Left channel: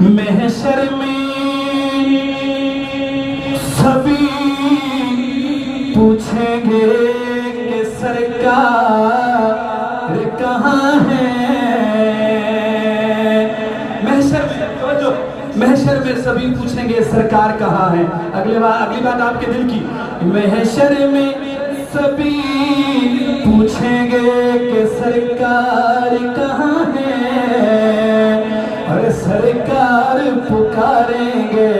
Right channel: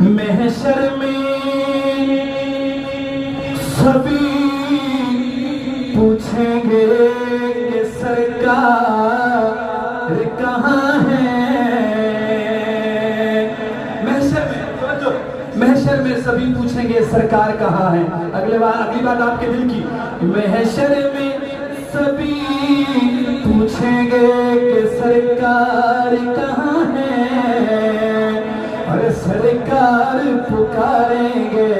महशर में सभी पूछेंगे कि सरकार कहाँ है। महशर में सभी पूछेंगे सरकार कहाँ है। अगली बात आपके दिल की। महशर में सभी पूछेंगे कि सरकार कहाँ है। और सरकार पुकारेंगे